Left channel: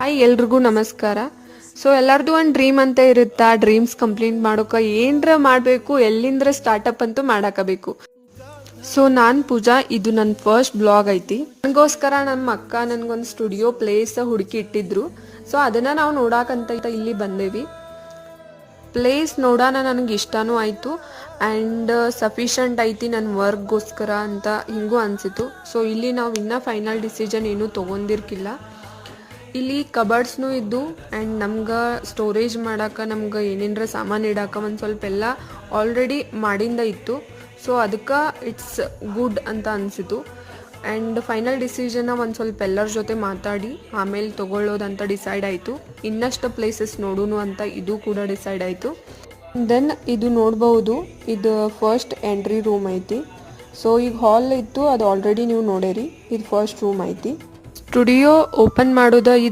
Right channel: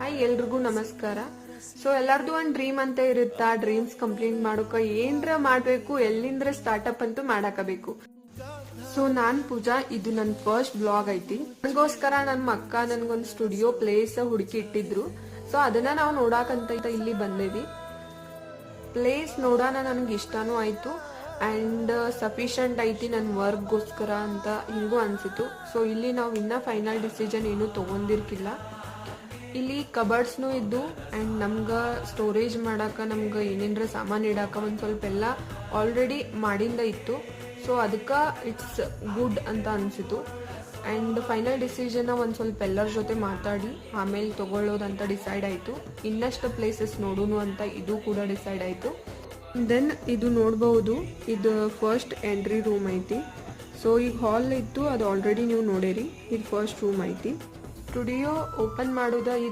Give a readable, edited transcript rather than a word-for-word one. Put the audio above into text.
Hi ಎಲ್ರಿಗೂ ನಮಸ್ಕಾರ. So ಎಲ್ಲರದು ಒಂದು ಡ್ರೀಮ್ ಅಂತ ಇರುತ್ತೆ. ಆ ಡ್ರೀಮ್ಸ್ ಕಂಪ್ಲೀಟ್ ಮಾಡೋಕೆ ಏನರ ಮಾಡಬೇಕು, ಎಲ್ಲಿಂದ್ರ ಸ್ಟಾರ್ಟಪ್ ಅಂತೂ ಮಾಡಾಕಬೇಕು. ಸೊ ನಾನು ಪೂಜಾ, ಇದು ನನ್ನ ಫಸ್ಟ್ ಬ್ಲಾಗ್ ಐತಿ. ನನಗೋಸ್ಕರ ನಮ್ಮ ಅಕ್ಕ ನನಗೊಂದು ಸ್ಟುಡಿಯೋ ಪ್ಲೇಸ್ ಹುಡುಕಿ ಇಟ್ಟಿದ್ರು. ಸೊ ಅದನ್ನು ನಾವು ನೋಡಾಕಂತ ಇಲ್ಲಿ ಬಂದೇವಿ. ಪ್ಲೇಸ್ ನೋಡೋಣ ನನಗೆ ಇಷ್ಟನೂ ಆಯಿತು ಆ್ಯಂಡ್ ಸಫಿಷಿಯಂಟ್ ಐತಿ ನನ್ನ ವರ್ಕ್ಗೋಸ್ಕರ ಅಂತ ಹಿಂಗೂ ಅನಿಸಿತು. ಸೊ ಇಲ್ಲಿ ನಾವು ಇನ್ನೂ ಫೈನಲ್ ಡಿಸಿಷನ್ ಏನೂ ತೊಗೊಂಡಿರ್ಕಿಲ್ಲ. ಇಲ್ಲಿ ಕಬರ್ಡ್ಸ್ನೂ ಇದ್ದು ಆ್ಯಂಡ್ ನಮ್ಗೆ ಸ್ಟೋರೇಜ್ ಮಾಡೋಕೆ, ನಮ್ಗೆ ಏನೇನರ ಸಾಮಾನು ಇಡೋಕೆ ಒಂದು ಸ್ವಲ್ಪ ಎಲ್ಲ ಆಲ್ರೆಡಿ ಮಾಡಿಂದ ಇತ್ತು. ಸೊ ಅದಕ್ಕೆ ಇಟ್ಸ್ ಗುಡ್ ಅಂತ ಅನಿಸಿತು. ಆ್ಯಂಡ್ ಫೈನಲ್ ಡಿಸಿಷನ್ನ ಒಂದು ಸ್ವಲ್ಪ ಎಲ್ಲರ ಜೊತೆ ಮಾತಾಡಿ ಆಮೇಲೆ ತೊಗೊಳ್ಳೋದಂತ ಡಿಸೈಡ್ ಆಯಿತು. ಇನ್ನಷ್ಟು ಪ್ಲೇಸಸ್ ನೋಡೋಣ ಅಂತ ಇದು ಕೂಡ ಡಿಸೈಡ್ ಆಯಿತು. ದೆನ್ ಇದು ನೋಡ್ಬೋದು, ಇದು ಫಸ್ಟ್ ಎಂಟ್ರಿ ರೂಮ್ ಐತಿ. ಸೊ ಈಗ ಹಾಲ್ ಇತ್ತು, ಅದು ಆಲ್ರೆಡಿ ನೀವು ನೋಡೇರಿ. ಇದು ಫಸ್ಟ್ ರೂಮ್ ಐತಿ. ಸ್ಟುಡಿಯೋ ಓಪನ್ ಮಾಡೋದು ಇದು